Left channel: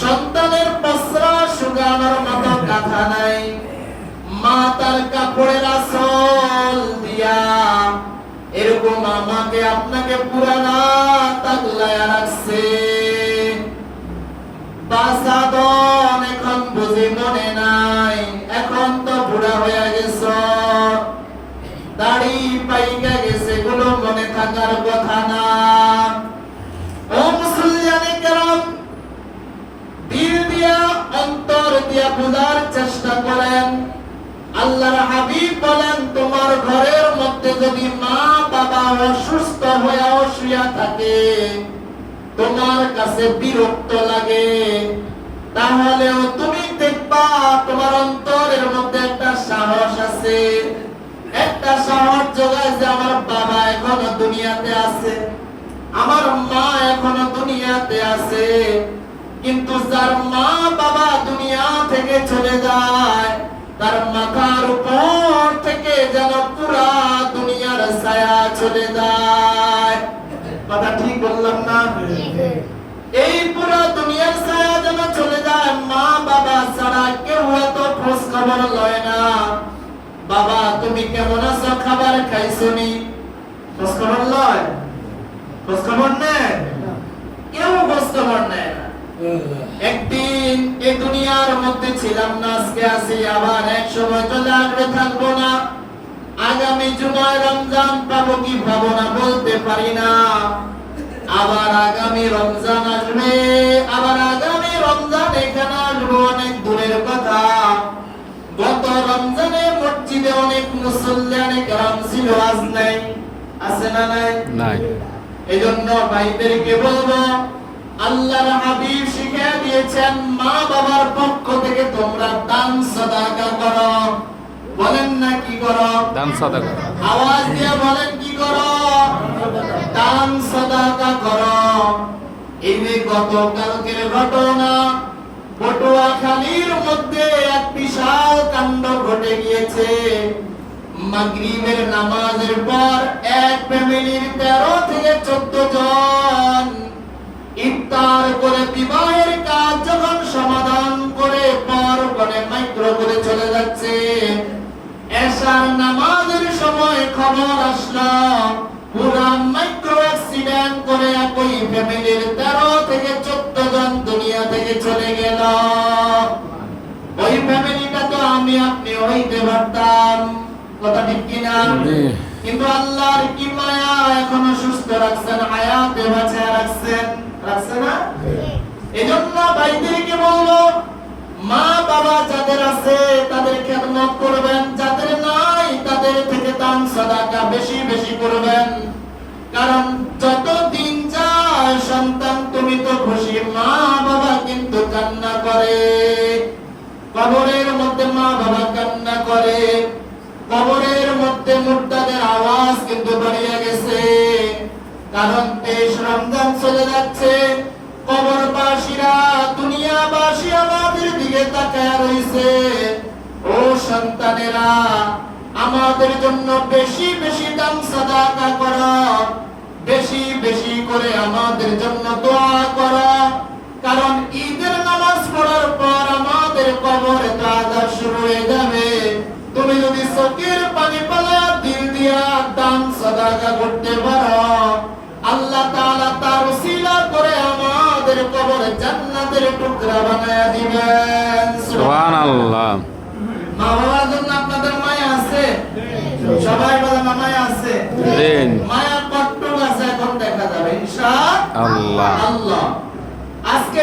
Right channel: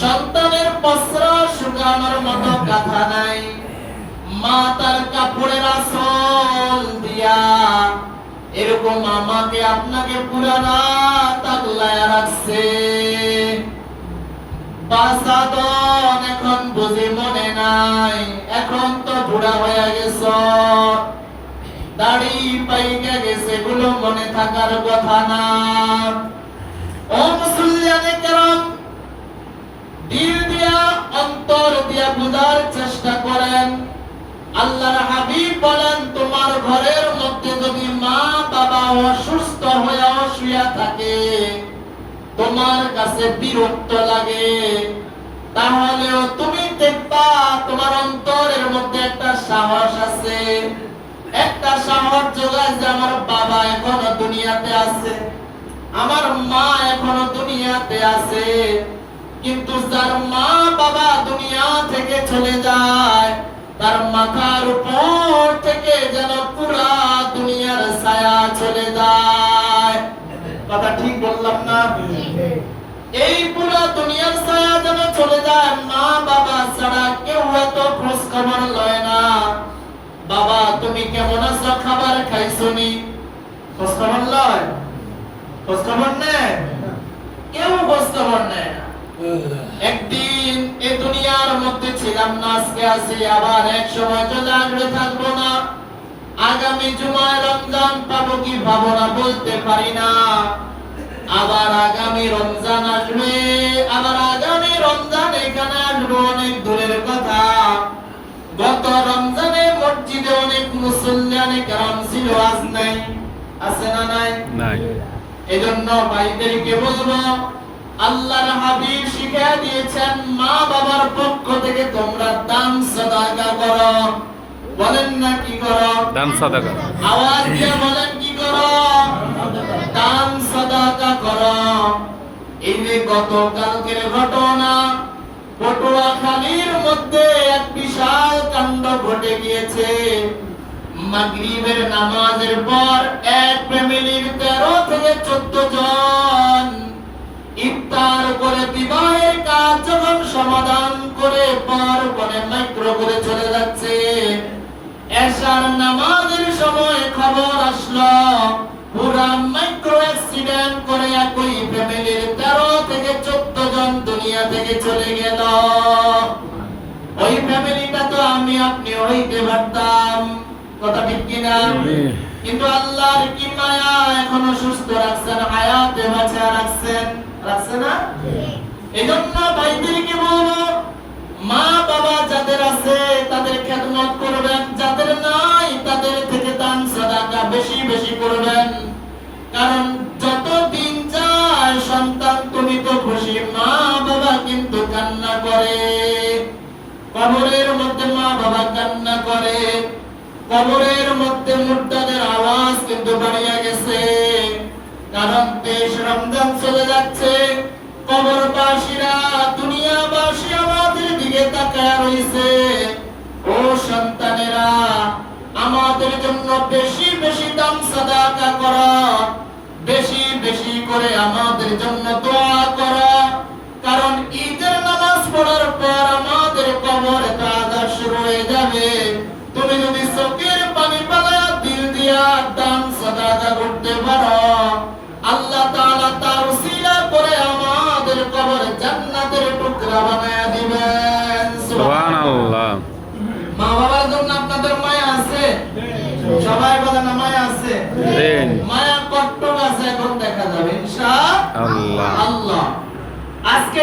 সন্তানের বস্ত্র শুকানোর মতো কাঁথা নাই, মা তার কাপড়ের আঁচল দিয়া এরকম আমাকে আপনাকে পুরা রাত আগলায় রাখছে। বাসাদন এখন বুঝি মনে নাই, এখন তো বুড়া হয়ে গেছ, দাড়ি পাইকা গেছে, গুলো মনে থাকার কথা না। ও মুসলমানে কেরাম, দিল দিয়া অন্তর দিয়া বুঝার চেষ্টা করেন। আল্লাহর হাবিব বলেন, তোমার ঘরের মধ্যে যদি মা বাবা অসুস্থ হয়ে শুয়ে থাকে, তোমার কাছে বিরক্ত লাগে, তাহলেও তুমি দেখবা তোমার অন্তরের মধ্যে একটা সাহস আছে, একটা সাহস যোগায় যে আমার বাবা এখনো দুনিয়াতে আছে, আমার মা এখনো দুনিয়াতে আছে। কিন্তু যার মা বাবা দুনিয়া থেকে চলে যায়, তার মাথার উপর থেকে যেন পুরা দুনিয়ার ছায়া চলে যায়। কথা ঠিক বললাম না? এই পুরা দুনিয়ার ছায়া যেন চলে যায়, মা বাবা ছাড়া কেউ হয়তো খোঁজ খবর লয় না। বাবা তুমি কেমন আছো, খাবার খাইছনি, খোঁজ খবর লয়? খোঁজ খবর নেয়? কেউ খোঁজ খবর নেয় না। একদিন এই দুনিয়ার মধ্যে ছিলাম না, আজকে আছি, আবার এক সময় চলে আসবে, থাকবো না। আগামী জুমায় রমজান পাবো কি পাবো না বলতে পারি না। আবার আগামী রমজান আসবে, আবার আগামী রমজান এখানে আসবো, অনেক দূরের কথা। গত রমজানে মসজিদে অনেক মুসল্লিয়ানে কেরাম ছিল, আজ নাই। আছে না নাই? নাই। এজন্য ভাইদেরকে বলবো, আল্লাহর হাবিব শিখিয়ে দিয়েছেন, মা বাবার পক্ষ থেকে তোমরা দান সাদাকা করো। বলেন না কি করো? দান সাদাকা। আওয়াজ দিয়ে বলেন কি করো? দান সাদাকা করো। এই যে গতকালকের ঘটনা, পটুয়াখালীর মধ্যে এক বিশাল কাণ্ড ঘটে গিয়েছে। মাগরিবের নামাজের পর এক ফ্যামিলির 13 থেকে 14 জন ইফতার করে বিবাহের কাজ যখন সমাধান করে পার করে মাইক্রো করে চলে যাচ্ছে, এশার নামাজের সময় খবর আসলো পুরা মাইক্রো অ্যাক্সিডেন্ট করে একই ফ্যামিলির 13 থেকে 14 জন দুনিয়া থেকে চলে গেল। ওই ফ্যামিলিটা তো আমি আপনি হইতে পারতাম, কথা ঠিক কিনা? কিন্তু আল্লাহর কি মায়া, এখনো সুস্থ রাখছেন, হায়াতে বাঁচিয়ে রাখছেন, রাখছে না? এজন্য ভাইদেরকে বলবো, মা বাবা যাদের আছে তাদের খেদমত করবেন, যাদের নাই তাদের থেকে দান সাদাকা বেশি বেশি করবেন। কারণ যত দিন যায় সন্তান তুমি তো খুশি, মা বাবা কিন্তু কান্না করে। কবরের মধ্যে মা বাবা কান্না করে, কবরের মধ্যে মুর্দাদের আওয়াজ কিন্তু বাড়িয়ে গেছে। কারণ 23 রমজান চলে যাচ্ছে, কবরবাসীরা দুনিয়াবাসী আমাদের দিকে তাকায় রইছে। ও সন্তানেরা, আমাদের জন্য বেশি বেশি দান সাদাকা করো, বেশি বেশি করে আমাদের জন্য দোয়া করো। কারণ ঈদের নামাজ পড়ার পর আমাদের কবরে তো আযাব শুরু হয়ে যাবে। তুমি যদি চোখের পানি পালায়া দিল দিয়া দান সাদাকা করতে পারো, আল্লাহ তাআলা তার উসিলা করে আমাদের কবরে জান্নাতের টুকরা বানায়া দিবেন। সুবহানাল্লাহ। মা বাবার জন্য আপনাদের মায়া আছে? সবাই বলেন মায়া আছে? মায়া কতটুকু আছে এখন দেখা যাবে ইনশাআল্লাহ। আল্লাহ আজকে